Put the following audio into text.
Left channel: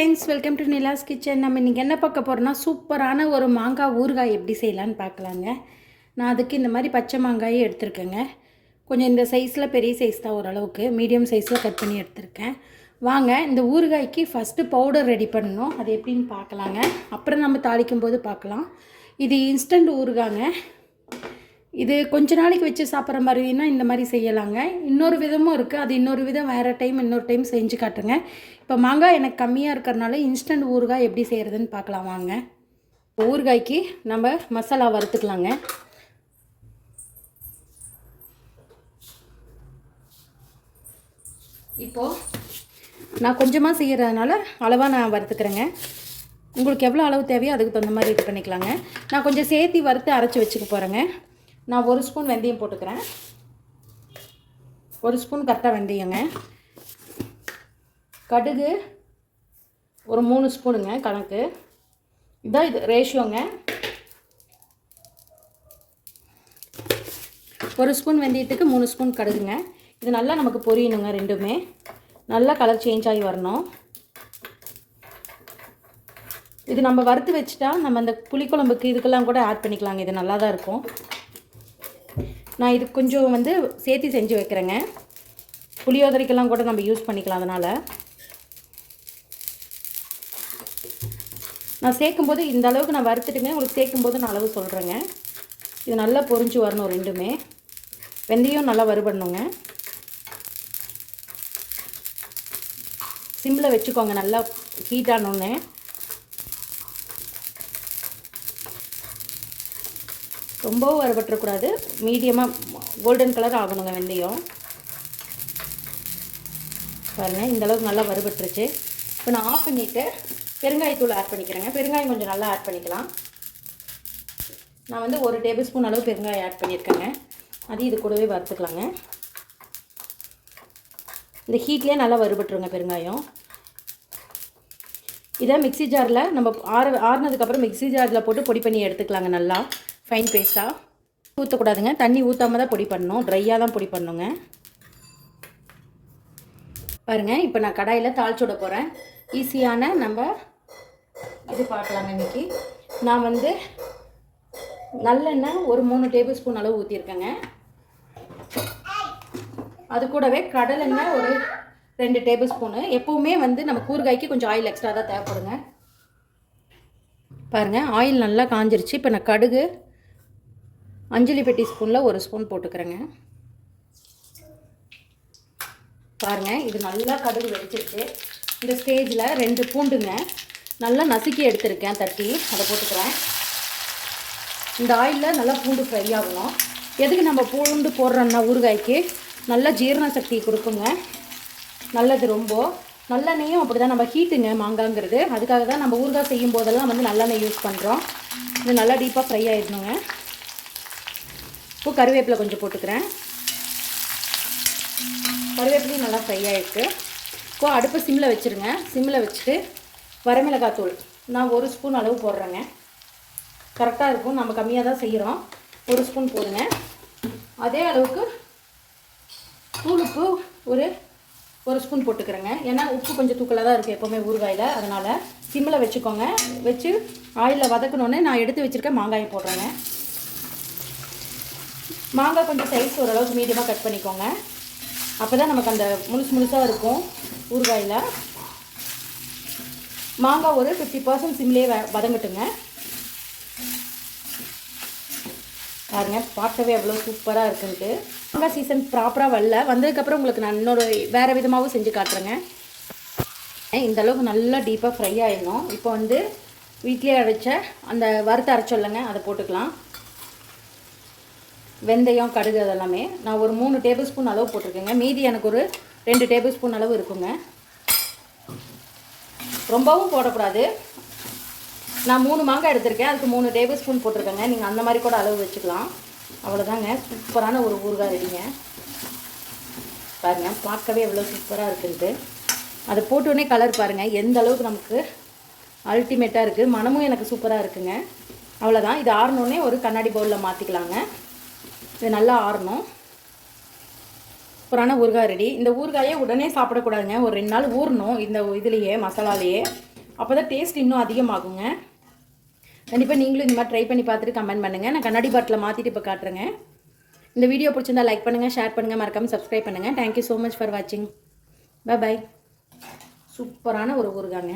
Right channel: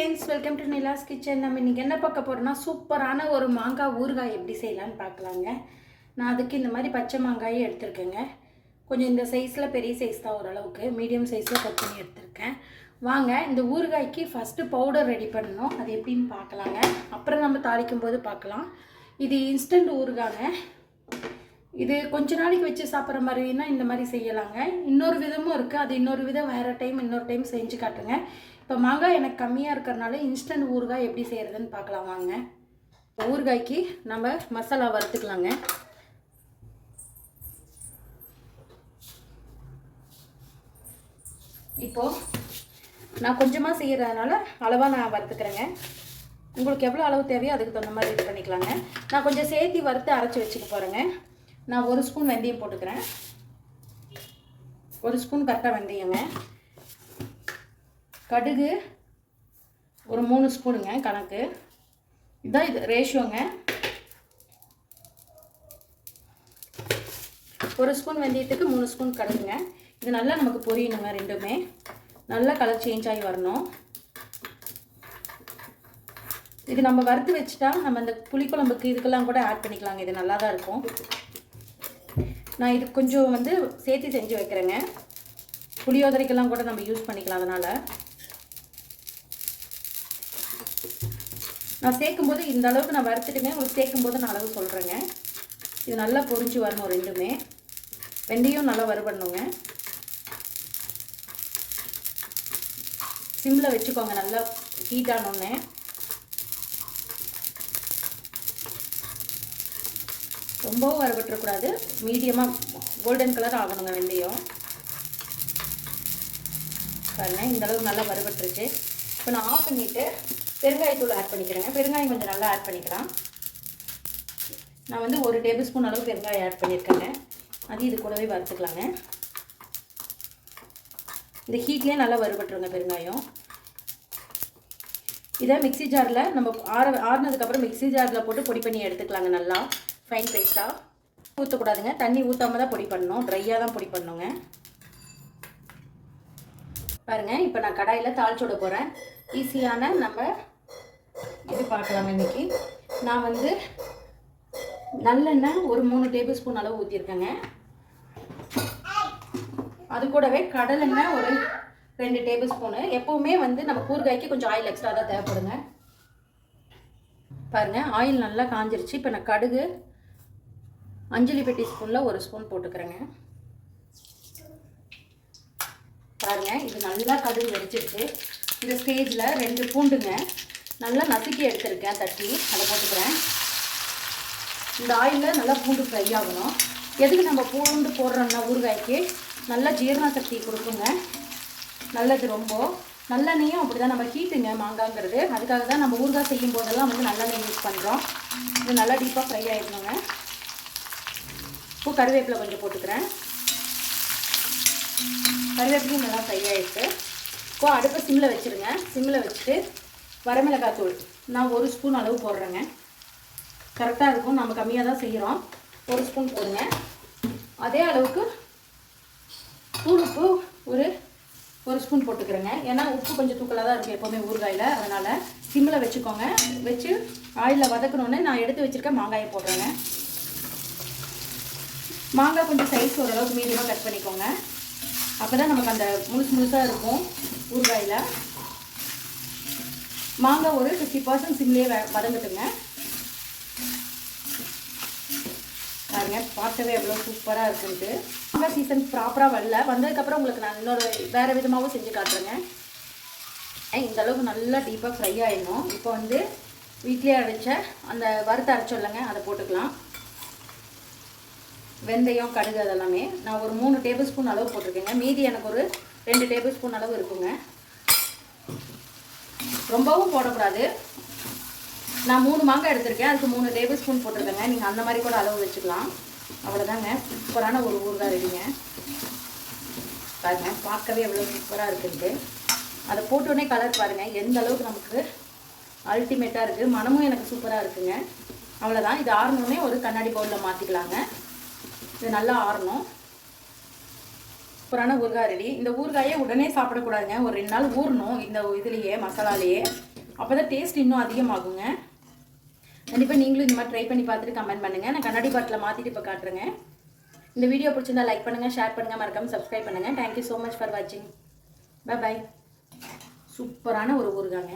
Friends welcome to Nila's kitchen. நம்ம இன்றைக்கி என்ன பார்க்க போகிறோம்னா சூப்பரான ஒரு மாங்காய் ஊறுகாய் எப்படி செய்யலான்னு பார்க்கலாங்க. நான் அதுக்கு இந்த மாதிரி பச்சை மாங்காயை எடுத்திருக்கேங்க. கொஞ்சம் இந்த சைஸில் பெரிய சைஸ் தான் ஓரளவுக்கு. மீடியம் சைஸில் கட் பண்ணி எடுத்திருக்கேன். வாங்க இந்த ஊறுகாய்க்கு ஃபஸ்ட்டு பவுடர் ரெடி பண்ணணும். அது எப்படின்னு பார்க்கலாங்க. அப்புறம் நம்ம தாளிக்கும் போது பார்க்கலாம். இது இன்ஸ்டன்ட் ஊறுகாங்க. இது கொஞ்ச நாளைக்கு வச்சு சாப்பிட்ற மாதிரினா இந்த மாதிரி செய்யலாங்க. இன்னொரு விதமும் இருக்குது அது இன்னொரு விதம் வேறு டைம் இன்னொரு டைம் செஞ்சு காட்டுங்க. இப்போ மாங்காய் எனக்கு கம்மியாக இருக்கிறனால இன்ஸ்டன்ட் ஊறுகாய் எப்படி செய்கிறதுன்னு பார்க்கலாம் வாங்க. இப்போ ஊறுகாய்க்கு நம்ம மசாலா வறுத்துக்கலாங்க. இப்போது நான் கொஞ்சமாக செய்கிறதுனால அளவாக நான் வறுத்துக்கிறேங்க. உங்களுக்கு எவ்வளோ அளவு தேவையோ அதுக்கு தகுந்த மாதிரி இது பண்ணிக்கலாங்க. நான் கொஞ்சம் சேர்த்தி வறுத்து அரைச்சி வச்சுக்க போகிறேங்க நான் ஒரு ஸ்பூன் வெந்தயம் போட்டுக்கிறேன். ஒரு ஸ்பூன் கரெக்டாக வெந்தயங்க. கடுகு ஒரு மூணு ஸ்பூனுங்க கணக்கு. இதுதான் இது ரேஷியோங்க ஒரு ஸ்பூன் வெந்தயத்துக்கு மூணு ஸ்பூன் கடுகுங்க. இது நல்லா நமக்கு பொரியணுங்க ரெண்டுமே. நல்லா கலர் சேஞ்ச் ஆகி வரணும். இது நம்ம வறுத்து வச்சுட்டா நம்ம இந்த புளிக்குழம்புக்கு இதுக்கெல்லாம் கூட ஆட் பண்ணிக்கலாங்க. இது நல்லா தான் இருக்கும். நான் இது கொஞ்சம் வந்து சேர்த்து செஞ்சு வைக்கிறேங்க. புளியோதரைக்கெல்லாம் கூட நம்ம யூஸ் பண்ணிக்கலாம் அதனால். நான் சேர்க்கும்போது இந்த அளவுக்கு நான் வறுத்துட்டுமே உங்களுக்கு சேர்க்கும்போது நான் அளவு சொல்கிறேங்க இது நல்லா பொரிஞ்சு வரணும் ரெண்டுமே. வெந்தயம் நல்லா வறுபடணுங்க. சிம்மில் வச்சுக்கோங்க நல்லா ஹீட் ஆனோடனே ரொம்பவும் வறுபட்டுறக்கூடாது. மீடியமாக கோல்டன் கலர் ஆகணுங்க வெந்தயம். பாருங்கள் இந்த அளவுக்கு நல்லா வறுபட்டுருச்சு. இப்போ நான் ஆஃப் பண்ணிவிட்டு பெருங்காயத்தூள் ஆட் பண்ணிக்கிறேங்க. பெருங்காயம் கொஞ்சம் நல்லா ஆட் பண்ணிக்கலாம். நான் வந்து ஒரு டேபிள் ஸ்பூன் அளவு பெருங்காயம் ஆட் பண்ணியிருக்கேங்க. அது இது கூடவே வறுத்துக்கலாங்க. இந்த ஹீட்லேயே நல்லா வறுபட்டுருங்க பெருங்காயம். இதை மிக்ஸி ஜாரில் நம்ம ஆற ஆறுனதுக்கப்புறம் மிக்ஸி ஜாரில் போட்டு பொடி பண்ணி எடுத்துக்கலாங்க நல்லா. ஃபைன் பேஸ்ட்டாக ஊற்றக்கூடாதுங்க தண்ணி ஊற்றாம தான் பொடி பண்ணணும். ட்ரையாக தான் பொடி பண்ணணுங்க பாருங்கள் இப்போ நான் கடாயில் தாளிச்சு விட போகிறேன் ஈஸியான நம்ம இது பார்க்கலாம் இன்னைக்கு. நான் வந்து நல்லெண்ணெய் ஒரு மூணு டேபிள் ஸ்பூன் அளவு ஊற்றிருக்கேங்க அது கூடவே கடலெண்ணெய் ஒரு ரெண்டு டேபிள் ஸ்பூனு எப்போவுமே வந்து நம்ம கூறுகாய்க்கு கொஞ்சம் ஆயில் எக்ஸ்ட்ரா தான் தேவைப்படுங்க. பாருங்கள் ஆயில் நல்லா காஞ்சிருச்சு. இப்போ நான் கடுகு அஞ்சலி பெட்டி ஸ்பூனில் ஒரு ஸ்பூன் போட்டுக்கிறேங்க. பாருங்கள் இது நல்லா கடுகு வெடிச்சிருச்சு. இந்த ஸ்டேஜில் ரெண்டு பூண்டுங்க. நல்லா நசுக்கி எடுத்திருக்கேன் தட்டி. அதை போட்டுக்கிறேன். இந்த ஆயிலில் நல்லா பூண்டு ஃப்ரை ஆகணும். எதுக்கு நம்ம பூண்டு போடுறோம்னா ஊறுகாய்க்கு? நல்ல ஜீரண சக்தி கொடுக்குங்க. நல்லது ரொம்ப. நல்லெண்ணெயும் அப்படி தான் நம்ம ஹீட்டுங்க மாங்காங்கிறது. அதுக்காக தான் நம்ம ஊறுகாய் செய்யும் போதெல்லாம் வந்து நல்லெண்ணெய் யூஸ் பண்ணுறோம் இது நல்லா டீப்பாக ஃப்ரை ஆகிடணுங்க இப்போ கருவேப்பிலை கொஞ்சம் போட்டுக்கிறேன். கருவேப்பிலையும் நல்லா ஃப்ரை ஆகிருக்கு இப்போ அடுப்பை சிம்மில் வச்சுருங்க. சிம்மில் வச்சுட்டு வரமிளகாய் தூள் நான் ஒரு ஸ்பூன் அளவு போடுறேங்க. கரெக்டாக இருக்கும். நம்ம கம்மியாக தான் செய்கிறோம் ஒரு ஸ்பூன் போடுங்க. அதே அளவுக்கு தூள் உப்பு ஒரு ஒரு ஸ்பூன் போட்டுக்கிறேங்க. ஏன்னா உப்பு கொஞ்சம் தூக்கலாக தான் இருக்குது எப்போவுமே ஊறுகாயில். அதனால் சிம்மில் வச்சுக்கோங்க. வச்சு ஆயிலில் வதக்கணுன்னு நான் எடுத்து வச்சுருக்க மாங்காயை போடுறேங்க. மாங்காய் கொஞ்சம் சைஸ் ஓரளவுக்கு மீடியமாக கட் பண்ணிக்கோங்க. அப்போ தான் நமக்கு அந்த முழுசு முழுசாக இருக்கும் ஊறுகாயில். மாங்காய் ஒரு ஃபிஃப்டி பர்சன்ட் சிம்லேயே வதங்கட்டுங்க. பாருங்க பார்க்கவே எவ்வளோ சூப்பராக இருக்குன்ட்டு. மாங்காய் சீசன் ப்ராப்பராக வரல. வந்ததுக்கப்புறம் உங்களுக்கு நான் இன்னொரு வேறு விதமாகவும் செஞ்சு காட்டுறேங்க. இந்த அளவுக்கு நல்லா டீப்பாக ஃப்ரை ஆகிடும் இப்போ வந்து வீட்லேயே அரைச்ச அந்த வறுத்து அரைச்சோல்லங்க அதை போட்டுக்கலாம். வெந்தயம் கடுகு அதெல்லாமே. நான் ஒரு மூணு டேபிள் ஸ்பூன் அளவு போட்டிருக்கேங்க. மீதி எனக்கு ஒரு ரெண்டு டேபிள் ஸ்பூன் அளவு இருக்குங்க. ரொம்பவும் போடக்கூடாது. நான் மூணு மாங்காய் எடுத்திருக்கேன். அதுக்கு மூணு டேபிள் ஸ்பூன் போட்டிருக்கேங்க. நீங்கள் அந்த மாதிரி கூட அளவு வச்சுக்கலாம். அவ்வளோதாங்க சூப்பரான ஒரு ஊறுகாய் ரெடிங்க. பாருங்கள் பார்க்கவே எவ்வளோ சூப்பராக இருக்குது அதை போட்டோடனே கலர் பாருங்கள் எந்த அளவுக்கு நமக்கு அல்டிமேட்டாக இருக்குது மனமும் எனக்கு சூப்பராக இருக்குங்க. அவ்வளோதான் இது ஆறணுன்னே ஒரு கண்ணாடி பவுலில் மாற்றிக்கலாங்க இது நல்லா ஆறணும். சூப்பரான ஊறுகாய் ரெடி. இந்த ஊறுகாயை உடனே சாப்பிடக்கூடாதுங்க. ஒரு ரெண்டு நாள் ஊறணும் இந்த இதுலேயே மசாலாலேயே. அப்போ தான் டேஸ்ட் இன்னும் அதிகமாகுங்க. கண்டிப்பாக நீங்களும் இந்த மாதிரி ட்ரை பண்ணி பார்த்துட்டு கமெண்ட் பண்ணுங்கள் நான் கண்ணாடி பாட்டில் மாற்றிட்டு இப்போ காட்டுறேங்க. இந்த வீடியோ பிடிச்சிருந்தா லைக் பண்ணுங்கள் ஷேர் பண்ணுங்கள் மறக்காமல் சப்ஸ்கிரைப் பண்ணுங்கள் thank you so much for வாட்சிங் பை பாய் சூப்பரான ஒரு ஊறுகாங்க.